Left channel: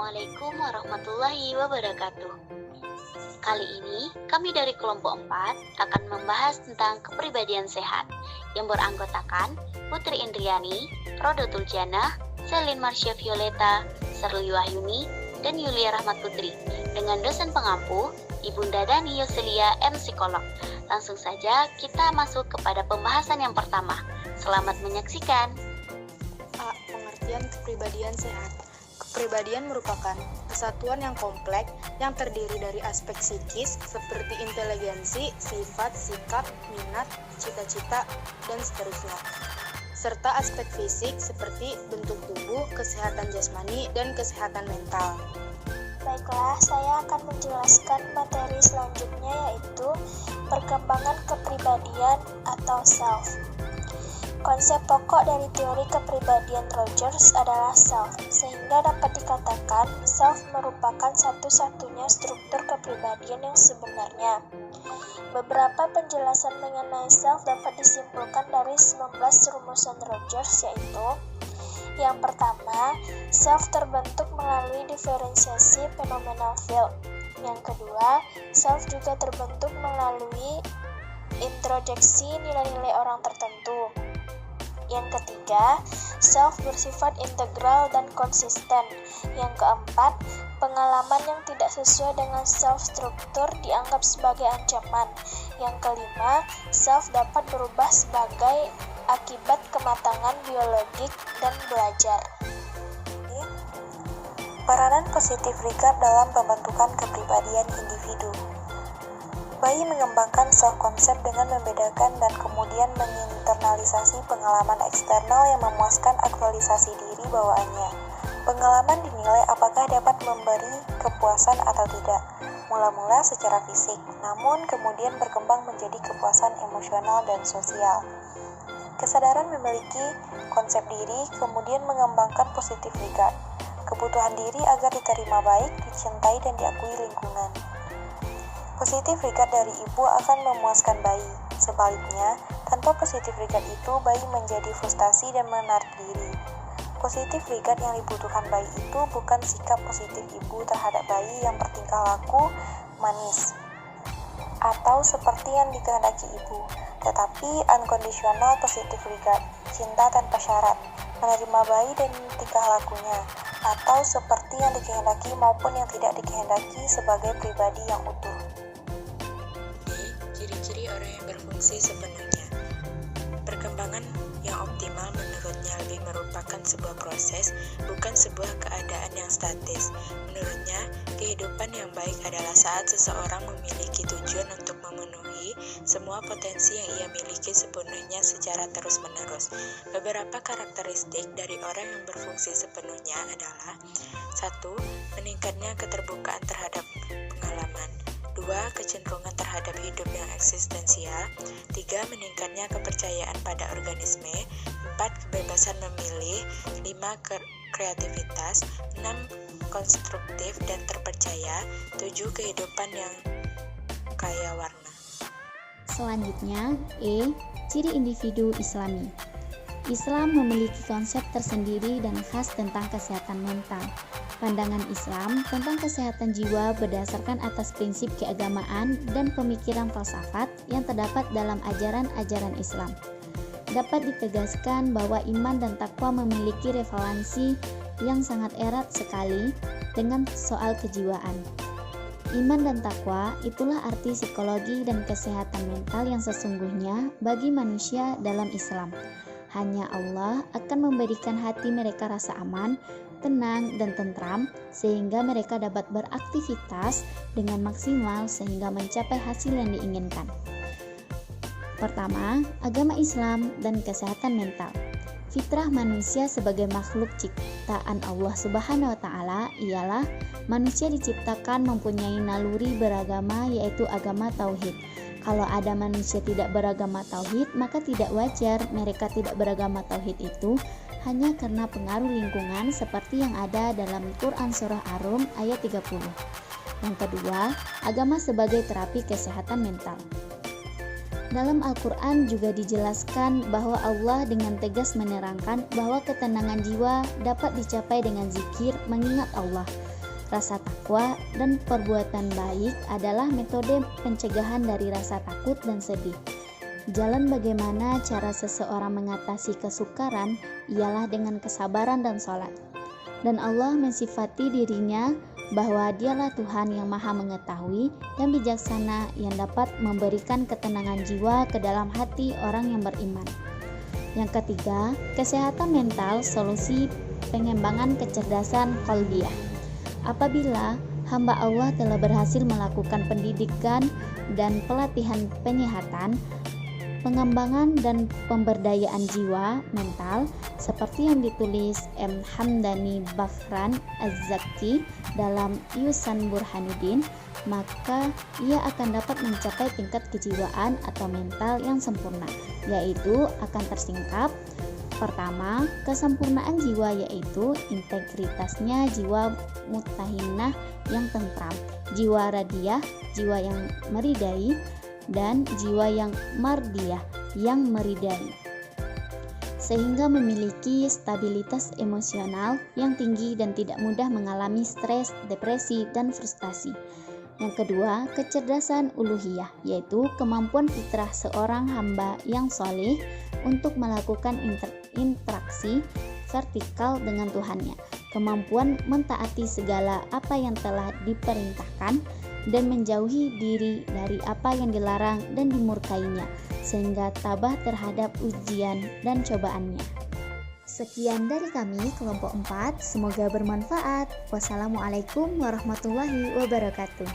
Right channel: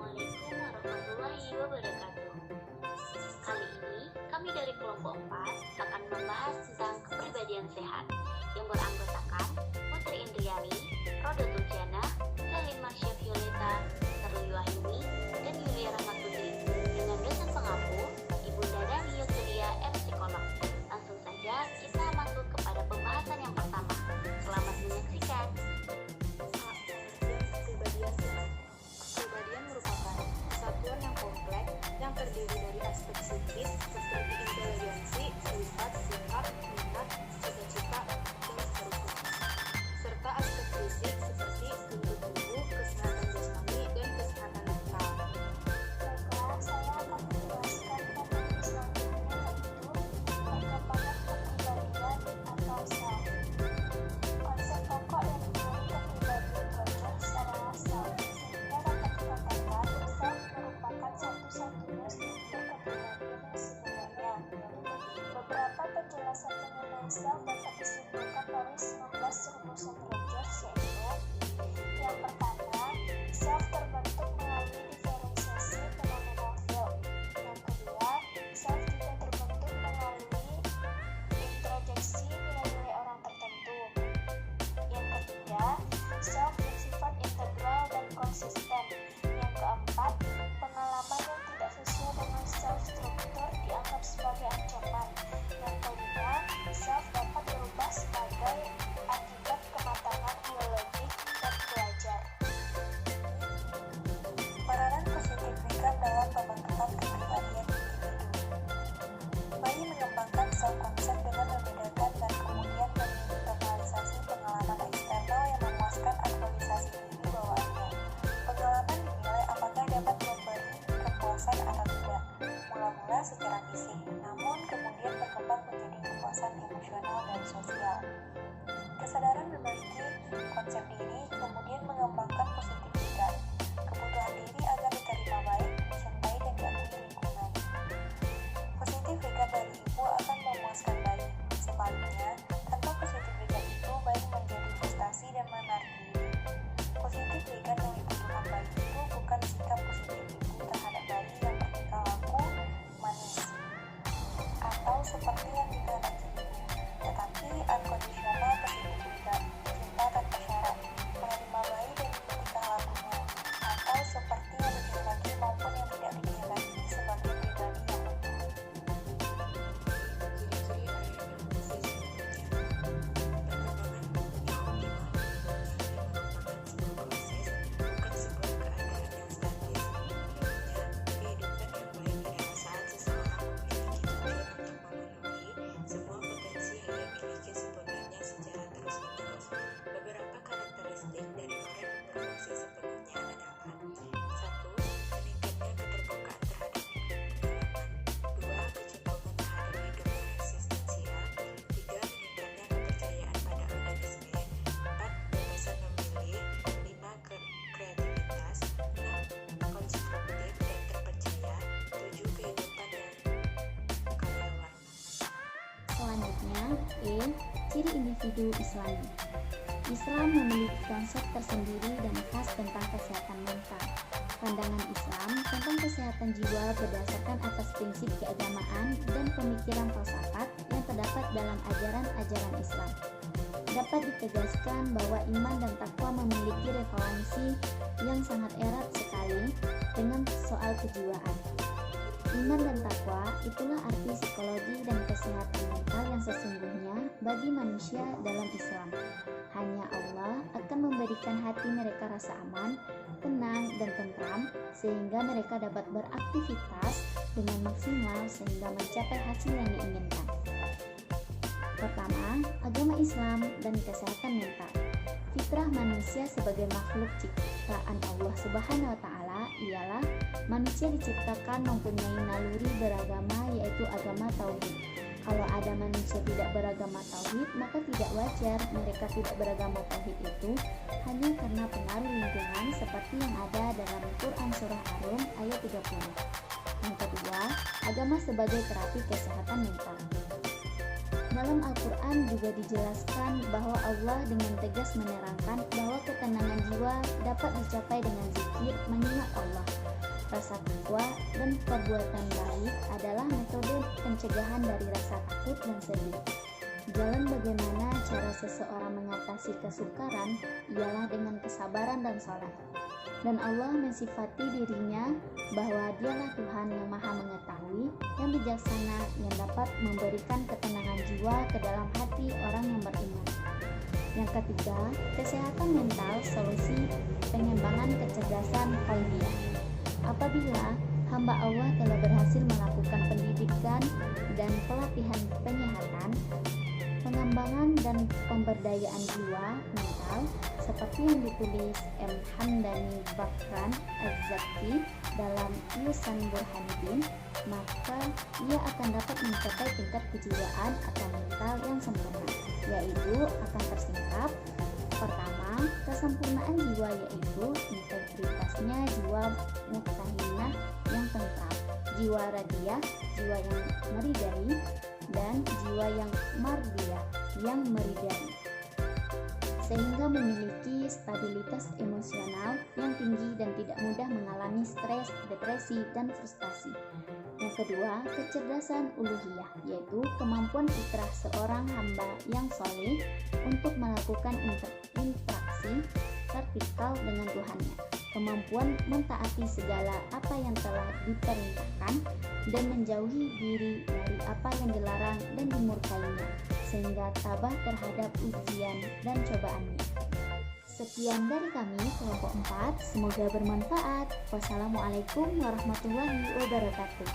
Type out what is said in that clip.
Assalamualaikum warahmatullahi wabarakatuh. Kali ini kami dari kelompok 4 akan membahas tentang kepribadian sehat yang beranggotakan Putri Indriani, Rodotul Jannah, Selin Marsha Violeta, Serli Wahyuni, dan Yulia Rahmat Putri dengan dosen pengampu Ibunda Dani Yoselia M. Psikolog. Langsung saja kita masuk kepada pembahasan yang pertama. Selamat menyaksikan. A. Pengertian kepribadian sehat. Kepribadian merupakan kesatuan yang kompleks yang terdiri dari aspek psikis seperti inteligensi, sifat, sikap, minat, cita-cita, dan seterusnya, serta aspek fisik seperti bentuk tubuh, kesehatan jasmani, dan kesehatan mental. Baiklah, saya akan menjelaskan materi selanjutnya, yaitu perkembangan kepribadian atau self. Konsep pokok dari teori kepribadian Rogers adalah self, sehingga dapat dikatakan self merupakan satu-satunya struktur kepribadian yang sebenarnya. Beberapa penjelasan mengenai self dapat disimpulkan dari 19 rumusan Rogers, yaitu: yang pertama, self terbentuk melalui diferensiasi phenomenal field. Yang kedua, self juga terbentuk melalui introjeksi nilai-nilai orang tertentu. Yang ketiga, self bersifat integral dan konsisten. Yang keempat, pengalaman yang tidak sesuai dengan self struktur dianggap sebagai ancaman. Yang kelima, self dapat berubah sebagai akibat kematangan biologik dan belajar. Peranan positif regard dalam pembentukan kepribadian individu. Bayi mengembangkan self-konsep dengan membedakan dan kemudian menginternalisasi pengalaman eksternal yang memuaskan aktualisasi diri bawaannya. Pengalaman dinilai apakah dapat memberi kepuasan atau tidak, mula-mula secara fisik, namun kemudian berkembang menjadi kepuasan emosional dan sosial. Kesadaran memiliki konsep diri kemudian mengembangkan positif regard, kebutuhan diri agar diterima baik, dicintai dan diakui lingkungan. Positif regard dari ibu akan memuaskan bayi. Sebaliknya, tanpa positif regard itu, bayi menjadi frustasi dan menarik diri. Positif regard yang dibutuhkan bayi itu bukan sikap positif ibu terhadap bayi yang bertingkah laku manis atau seperti yang dikehendaki ibu, tetapi unconditional positif regard, cinta tanpa syarat, menerima bayi dan tingkah lakunya, atau seperti yang dikehendaki maupun yang tidak dikehendaki sebagai pribadi yang utuh. Ciri-ciri orang yang berfungsi sepenuhnya. Perkembangan yang optimal menurutnya lebih merupakan sebuah proses, bukan sebuah keadaan yang statis. Menurutnya, kehidupan yang baik adalah saat seseorang memiliki tujuan untuk memenuhi semua potensi yang ia miliki sepenuhnya secara terus-menerus. Beberapa karakteristik dari orang yang berfungsi sepenuhnya adalah: 1. Meningkatnya keterbukaan terhadap pengalaman. 2. Kecenderungan terhadap hidup yang eksistensial. 3. Meningkatnya kepercayaan pada organisme. 4. Kebebasan memilih. 5. Kreativitas. 6. Konstruktif dan terpercaya. 7. Kehidupan yang kaya warna. Selanjutnya, E. Ciri individu Islami. Islam memiliki konsep tersendiri dan khas tentang kesehatan mental. Pandangan Islam tentang kesehatan jiwa berdasarkan atas prinsip keagamaan dan pemikiran falsafat yang terdapat dalam ajaran-ajaran Islam. Dapat ditegaskan bahwa iman dan takwa memiliki relevansi yang sangat erat sekali dengan soal kejiwaan. Iman dan takwa itulah arti psikologi dan kesehatan mental yang sesungguhnya bagi manusia dalam Islam. Hanya Allah akan memberikan hati mereka rasa aman, tenang, dan tentram sehingga mereka dapat beraktivitas dengan maksimal sehingga mencapai hasil yang diinginkan. Pertama, agama Islam dan kesehatan mental. Fitrah manusia sebagai makhluk ciptaan Allah Subhanahu wa Ta'ala ialah manusia diciptakan mempunyai naluri beragama, yaitu agama tauhid. Kalau ada manusia tidak beragama tauhid, maka tidak wajar mereka tidak beragama tauhid itu hanya karena pengaruh lingkungan seperti yang ada dalam Quran Surah Ar-Rum ayat 30. Yang kedua, agama sebagai terapi kesehatan mental. Dalam Al-Quran juga dijelaskan bahwa Allah dengan tegas menerangkan bahwa ketenangan jiwa dapat dicapai dengan zikir, mengingat Allah. Rasa takwa dan perbuatan baik adalah metode pencegahan dari rasa takut dan sedih. Jalan bagaimana cara seseorang mengatasi kesukaran ialah dengan kesabaran dan sholat. Dan Allah mensifati dirinya bahwa Dialah Tuhan yang Maha Mengetahui, yang bijaksana, yang dapat memberikan ketenangan jiwa ke dalam hati orang yang beriman. Yang ketiga, kesehatan mental, solusi pengembangan kecerdasan qalbiyah. Apabila hamba Allah telah berhasil melakukan pendidikan dan pelatihan penyehatan, pengembangan dan pemberdayaan jiwa mental seperti yang ditulis M. Hamdani Bafran Az-Zakti dalam Yusan Burhanuddin, maka ia akan dapat mencapai tingkat kejiwaan atau mental yang sempurna, yaitu akan tersingkap. Pertama, kesempurnaan jiwa yaitu integritasnya jiwa mutmainah yang tentram, jiwa radiyah, jiwa yang meridai, dan jiwa yang mardiyah yang meridai, sehingga memiliki stabilitas emosional yang tinggi dan tidak mudah mengalami stres, depresi, dan frustasi. Yang kedua, kecerdasan uluhiyah, yaitu kemampuan fitrah seorang hamba yang soleh untuk melakukan interaksi vertikal dengan Tuhannya, kemampuan mentaati segala apa yang telah diperintahkan dan menjauhi diri dari apa yang dilarang dan dimurkainya, sehingga tabah terhadap ujian dan cobaannya. Sekian dari kami, kelompok 4, semoga bermanfaat. Wassalamualaikum warahmatullahi wabarakatuh.